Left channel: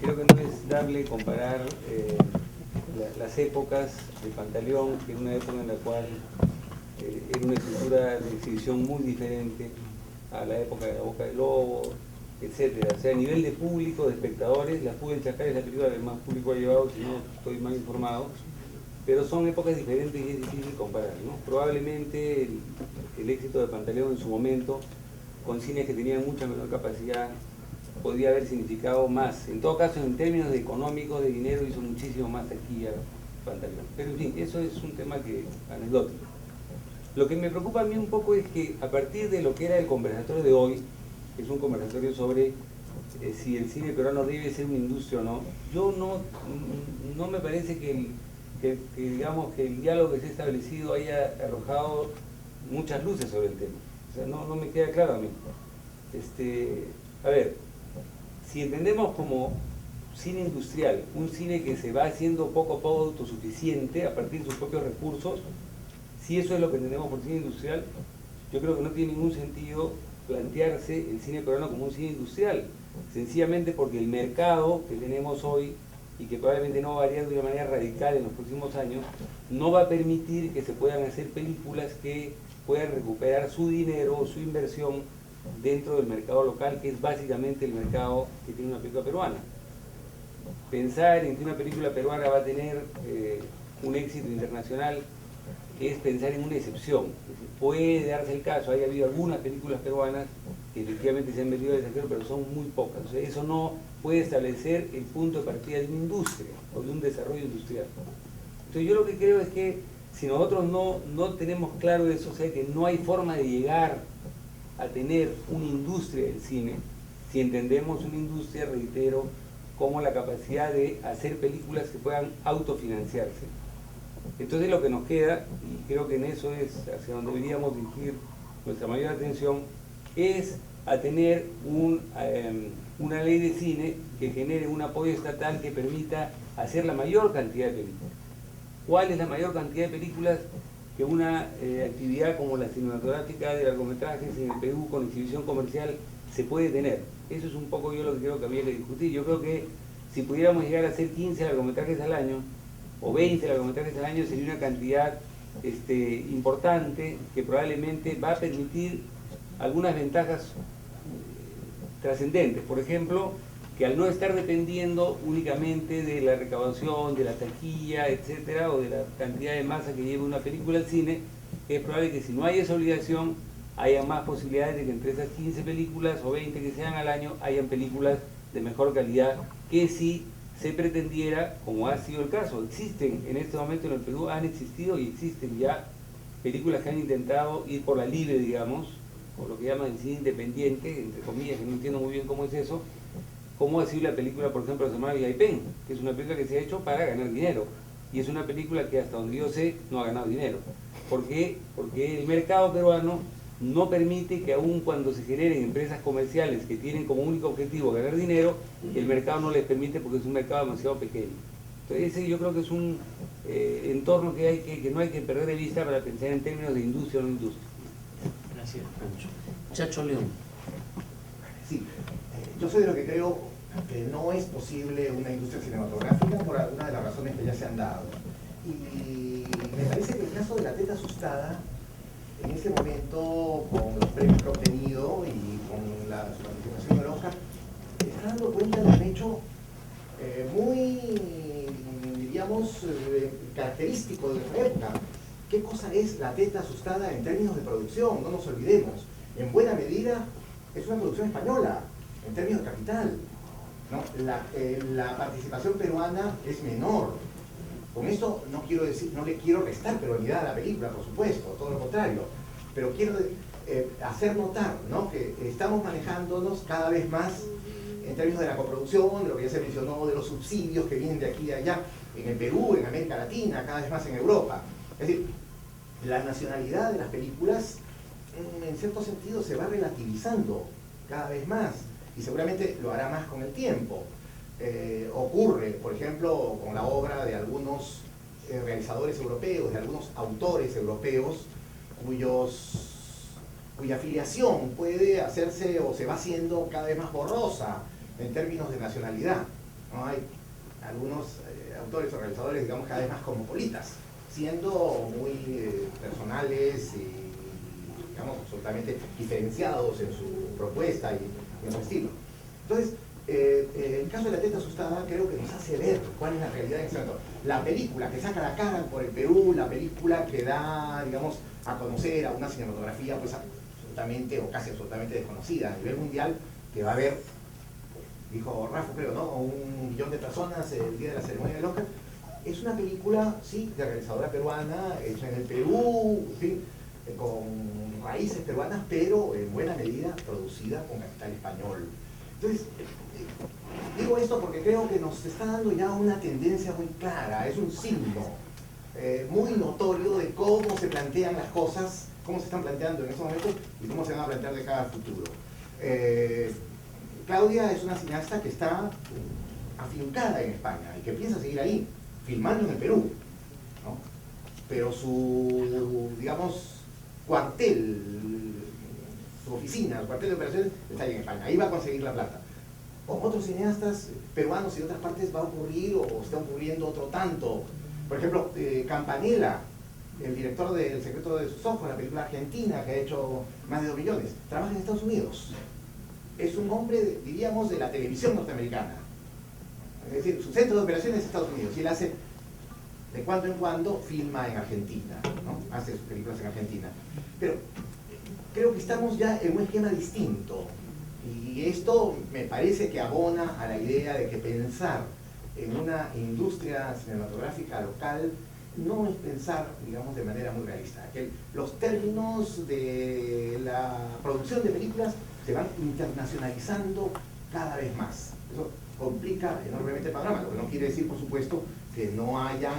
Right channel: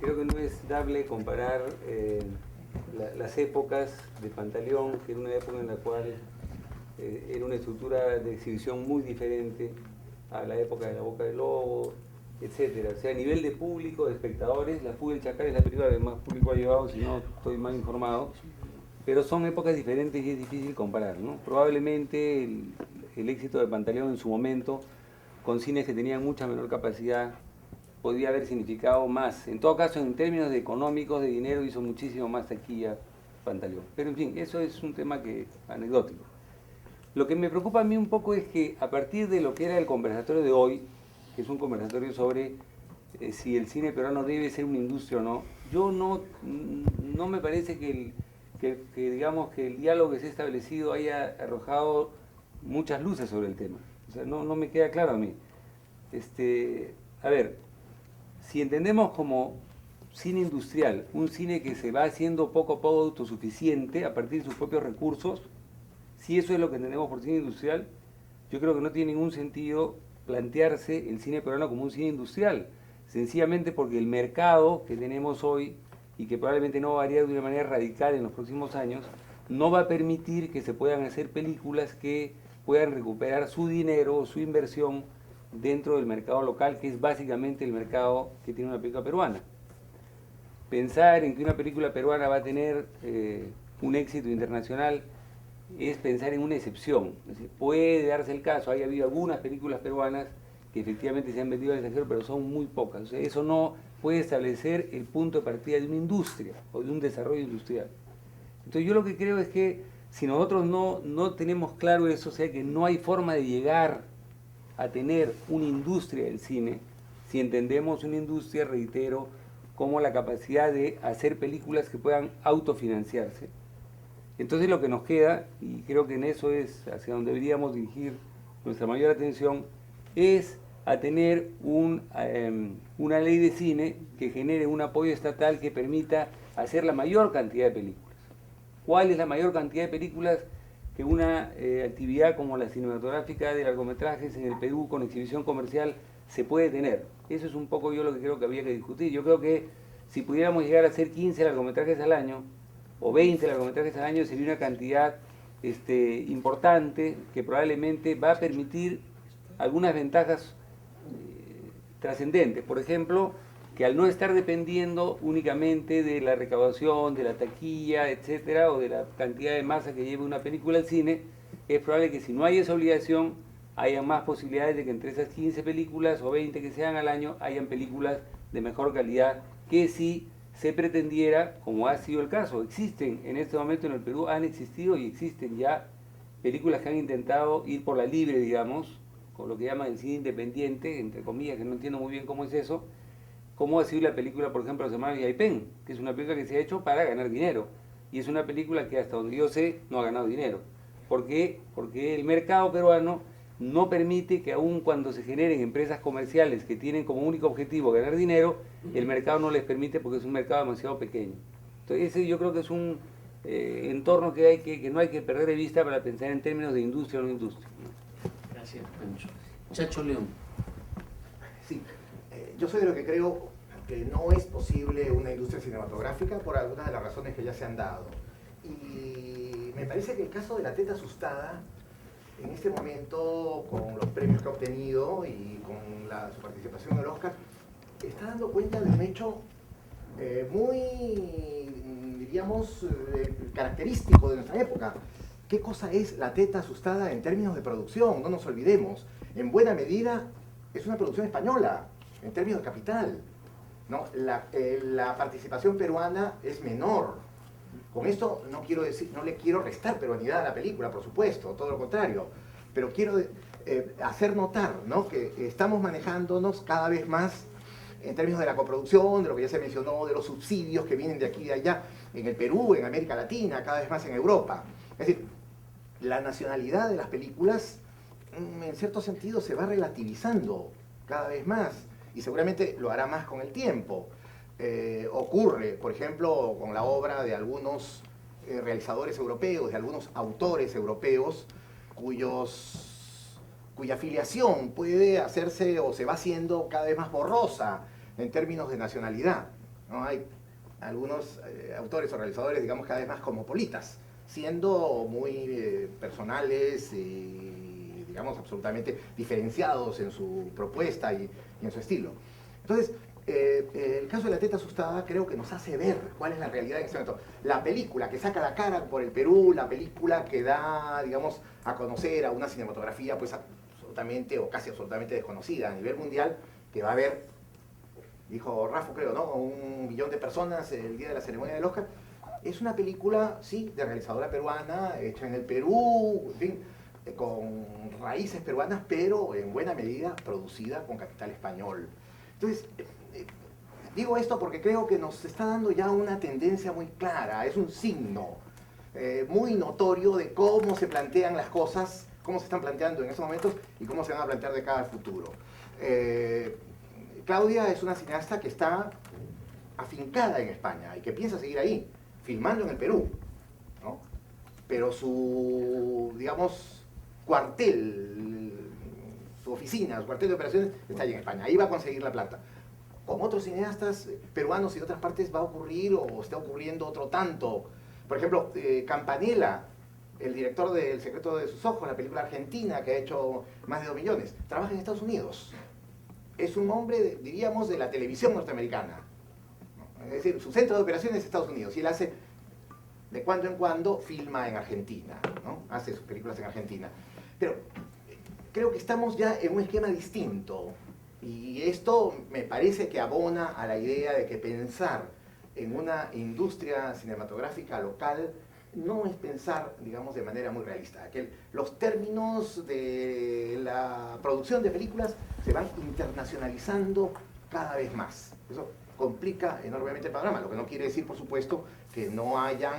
Creo que no es dable comparar las épocas de Pantaleón, que era una época en la cual era una estructura de exhibición muy diferente a la época de La Boca del Lobo, etcétera. O sea, a nivel de público, de espectadores, La Fuga del Chacal es la película que más público ha llevado, si no estoy mal informado, pero son épocas diferentes y es difícil comparar, ¿no? Probablemente el éxito de Pantaleón en su momento, con cines que tenían mucha menor capacidad, podría haber significado más. En todo caso, en términos de económicos, de dinero, hizo muchísimo más taquilla Pantaleón. Pero en fin, eso es un tema anecdótico. Lo que me preocupa a mí un poco es que a partir de lo que era el conversatorio de hoy, que es un conversatorio sobre si el cine peruano debe ser una industria o no, yo no me parece digamos, que el diálogo que se ha establecido haya arrojado muchas luces sobre el tema. O sea, no me queda claro a mí. A ver, si entendemos como cine industrial, un cine que se va haciendo poco a poco autosuficiente a partir de sus propios recursos, si eso es lo que entendemos por cine industrial, yo creo que no tiene ningún sentido plantearse el cine peruano como un cine industrial, sencillamente porque el mercado que tenemos hoy y que probablemente no va a variar de una manera radical en los próximos años, no va a permitir que se puedan hacer películas que puedan recuperar su dinero o su inversión dentro del mercado local, que es básicamente el mercado que tiene una película peruana. Pensar en que una película peruana va a tener un éxito internacional es pensar en una excepción. Es decir, puede darse el caso, hay habido algunas películas peruanas que efectivamente se han metido al extranjero, pero son muy pocas. O sea, eso no puede establecer el punto de partida de una industria o de un desarrollo industrial. Entonces yo lo que creo es que si nosotros no tenemos claro eso, o sea que no hay forma de llegar a tener una industria del cine, si entendemos una industria, reitero, como la capacidad de hacer películas que puedan autofinanciarse. Entonces lo que nos queda, y creo que en eso es hacia donde deberíamos dirigir nuestra mayor atención, es a tener una ley de cine que genere un apoyo estatal que permita hacer la mayor cantidad de películas. ¿Cuál es la mayor cantidad de películas que una actividad como la cinematográfica de largometrajes en el Perú con exhibición comercial se puede tener? Eso es un poco yo lo que creo que habría que discutir. Yo creo que si pudiéramos llegar a hacer 15 largometrajes al año, o 20 largometrajes al año, sería una cantidad importante que probablemente va a permitir algunas ventajas trascendentes. Por ejemplo, que al no estar dependiendo únicamente de la recaudación, de la taquilla, etcétera, o de la cantidad de masa que lleva una película al cine, es probable que si no hay esa obligación, haya más posibilidades de que entre esas 15 películas o 20 que sean al año, hayan películas de mejor calidad que si se pretendiera, como ha sido el caso. Existen en este momento en el Perú, han existido y existen ya películas que han intentado ir por la libre, digamos, o lo que llaman el cine independiente, entre comillas, que no entiendo muy bien cómo es eso, como ha sido la película, por ejemplo, se llama Yaipen, que es una película que se ha hecho para ganar dinero, y es una película que hasta donde yo sé no ha ganado dinero. ¿Por qué? Porque el mercado peruano no permite que aun cuando se generen empresas comerciales que tienen como único objetivo ganar dinero, el mercado no les permite porque es un mercado demasiado pequeño. Entonces ese yo creo que es un entorno que no hay que perder de vista para pensar en términos de industria o no industria. Gracias, Pancho. Chacho León. Sí, yo soy de lo que creo que no es posible una industria cinematográfica por algunas de las razones que ya se han dado. Y me parece que el caso de La Teta Asustada, en ese momento, con los premios que ha obtenido y con su participación en el Oscar, está dando cuenta de un hecho muy, diríamos, característico de nuestra época. ¿Qué cosa es La Teta Asustada en términos de producción? No nos olvidemos. En buena medida es una producción española, en términos de capital, ¿no? La participación peruana es menor. Con esto no quiero decir, no le quiero restar peruanidad a la película, por supuesto, todo lo contrario. Pero quiero hacer notar, ¿no?, que estamos manejándonos cada vez más en términos de la coproducción, de lo que ya se mencionó, de los subsidios que vienen de aquí y de allá, en el Perú, en América Latina, cada vez más en Europa. Es decir, la nacionalidad de las películas, en cierto sentido, se va relativizando cada vez más, y seguramente lo hará más con el tiempo. Ocurre, por ejemplo, con la obra de algunos realizadores europeos, de algunos autores europeos, cuya filiación puede hacerse o se va haciendo cada vez más borrosa en términos de nacionalidad, ¿no? Hay algunos autores o realizadores, digamos, cada vez más cosmopolitas, siendo muy personales y, digamos, absolutamente diferenciados en su propuesta y en su estilo. Entonces, el caso de La teta asustada creo que nos hace ver cuál es la realidad en este momento. La película que saca la cara por el Perú, la película que da, digamos, a conocer a una cinematografía pues absolutamente o casi absolutamente desconocida a nivel mundial, que va a haber, dijo Rafa, creo, ¿no? 1 millón de personas el día de la ceremonia del Oscar. Es una película, sí, de realizadora peruana, hecha en el Perú, en fin, con raíces peruanas, pero en buena medida producida con capital español. Entonces, digo esto porque creo que nos está dando ya una tendencia muy clara, es un signo muy notorio de cómo se plantean las cosas, cómo se están planteando en estos momentos y cómo se van a plantear de cara al futuro. Claudia es una cineasta que está afincada en España y que piensa seguir ahí, filmando en el Perú, ¿no? Pero su, digamos, cuartel, su oficina, su cuartel de operaciones está ahí en España, ahí va a conseguir la plata. Con otros cineastas peruanos y de otras partes va a ocurrir o está ocurriendo otro tanto. Por ejemplo, Campanella, el director de El secreto de sus ojos, la película argentina que ha hecho más de 2 millones, trabaja en Estados Unidos. Es un hombre, diríamos, de la televisión norteamericana. Es decir, su centro de operaciones es Estados Unidos y él hace, de cuando en cuando, filma en Argentina, ¿no? Hace sus películas en Argentina. Pero creo que estamos ya en un esquema distinto. Y esto me parece que abona a la idea de que pensar en una industria cinematográfica local no es pensar, digamos, de manera muy realista. Que los términos de la producción de películas se van internacionalizando cada vez más. Eso complica enormemente el panorama, lo que no quiere decir, por supuesto, que no haya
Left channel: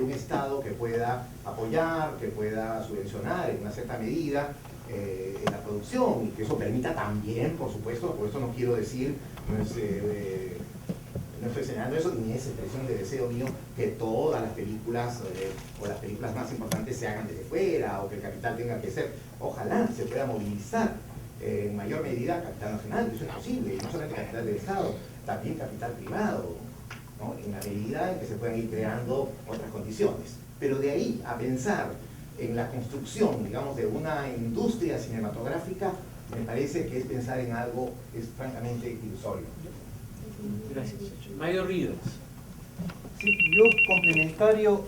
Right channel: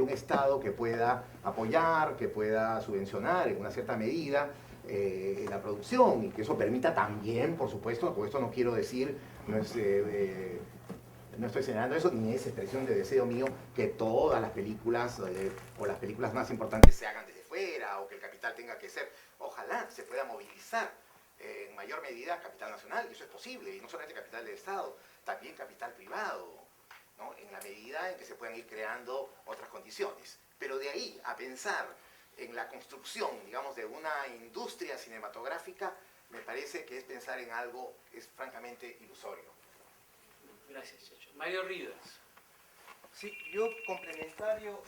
un Estado que pueda apoyar, que pueda subvencionar en una cierta medida en la producción, y que eso permita también, por supuesto, por esto no quiero decir, no estoy señalando eso, ni es expresión de deseo mío que todas las películas o las películas más importantes se hagan desde fuera, o que el capital tenga que ser, ojalá se pueda movilizar en mayor medida capital nacional, y eso es posible, y no solamente capital del Estado, también capital privado, ¿no? En la medida en que se puedan ir creando otras condiciones. Pero de ahí a pensar en la construcción, digamos, de una industria cinematográfica, me parece que es pensar en algo que es francamente ilusorio. Gracias, Chacho. Mario Rivas. Sí, yo complementario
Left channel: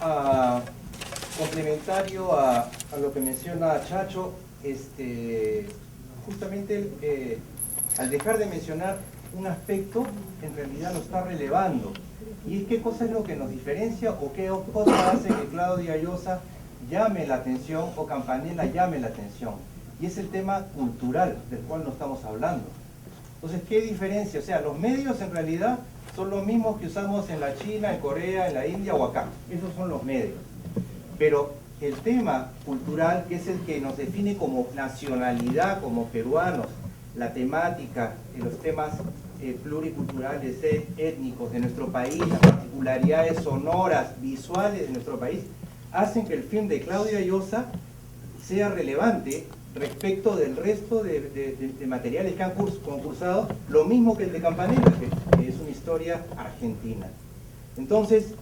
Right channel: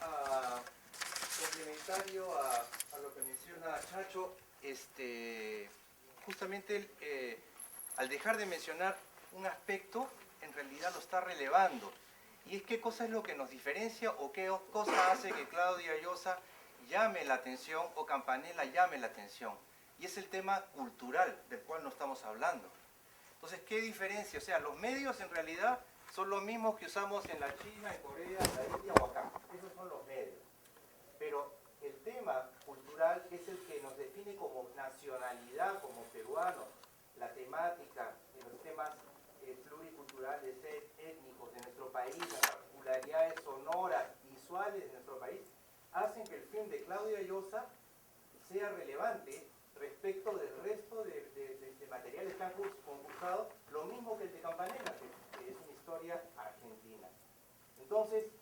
a lo que menciona Chacho, justamente al dejar de mencionar un aspecto, en realidad lo está relevando. Y es qué cosa es lo que nos diferencia o qué cosa hace que Claudia Llosa llame la atención o Campanella llame la atención. Y es el tema cultural del cual no estamos hablando. Entonces, ¿qué diferencia? O sea, los medios en realidad son los mismos que usamos en la China, en Corea, en la India o acá. Esos son los medios. Pero el tema cultural, que es el que nos define como nacionalidad, como peruanos, la temática, los temas pluriculturales, étnicos de nuestro país, las particularidades sonoras, visuales de nuestro país, hacen que el film de Claudia Llosa sea relevante respecto del resto de materiales que han concursado, lo mismo que el de Campanella, que es una historia argentina. Entonces,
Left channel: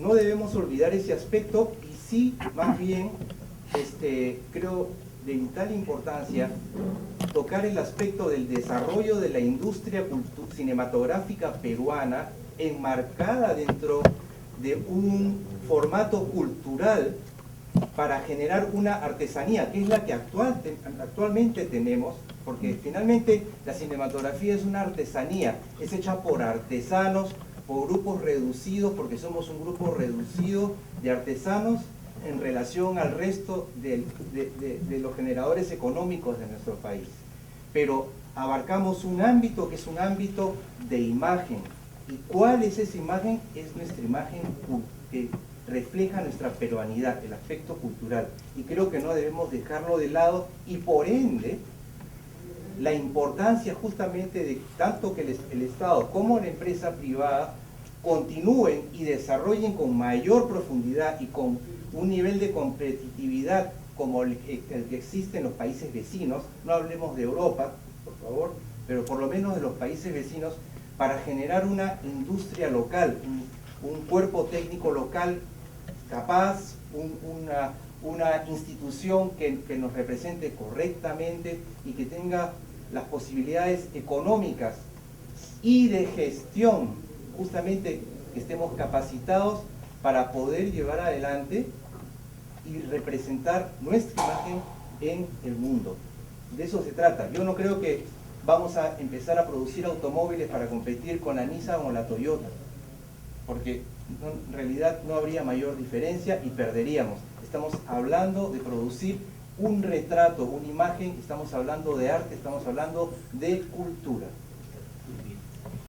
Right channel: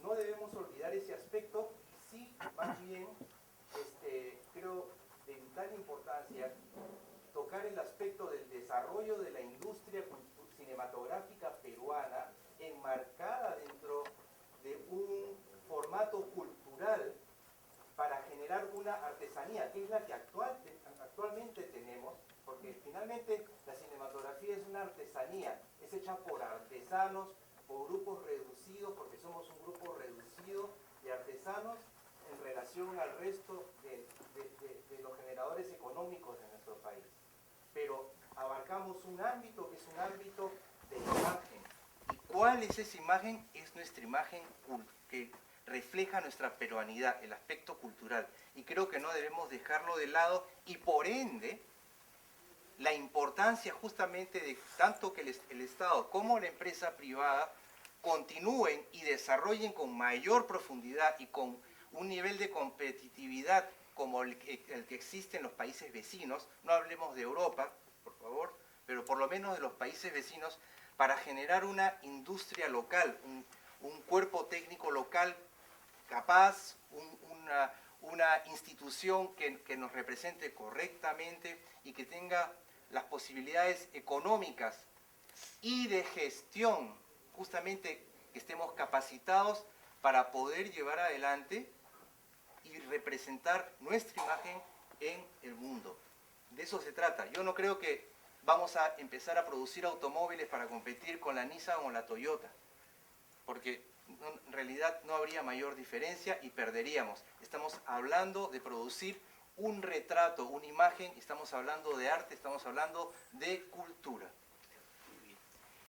no debemos olvidar ese aspecto y sí, más bien, creo de vital importancia tocar el aspecto del desarrollo de la industria cinematográfica peruana enmarcada dentro de un formato cultural para generar una artesanía, que es la que actualmente tenemos, porque finalmente la cinematografía es una artesanía, es hecha por artesanos, por grupos reducidos, porque somos un grupo reducido de artesanos en relación al resto de los generadores económicos de nuestro país. Pero abarcamos un ámbito que es un ámbito de imagen. ¿Y cuál es esa imagen? Es nuestra imagen que refleja nuestra peruanidad, el aspecto cultural. Y creo que no debemos dejarlo de lado y por ende la importancia justamente de tanto que el Estado como la empresa privada continúen y desarrollen con mayor profundidad y con un nivel de competitividad como el que existe en los países vecinos, no hablemos de Europa, por favor, pero por lo menos de los países vecinos, para generar una industria local, un cuerpo técnico local capaz, una institución que nos represente correctamente y que tenga las posibilidades económicas y de gestión, justamente que estemos capacitados para poder llevar adelante y representar nuestra imagen en el mundo. De eso se trata. Yo no creo que vamos a empezar a producir automóviles para competir con la Nissan o la Toyota, porque en realidad no habría mayor diferencia y perderíamos. Estamos hablando de producir un retrato, una imagen, estamos hablando de arte, estamos hablando de cultura.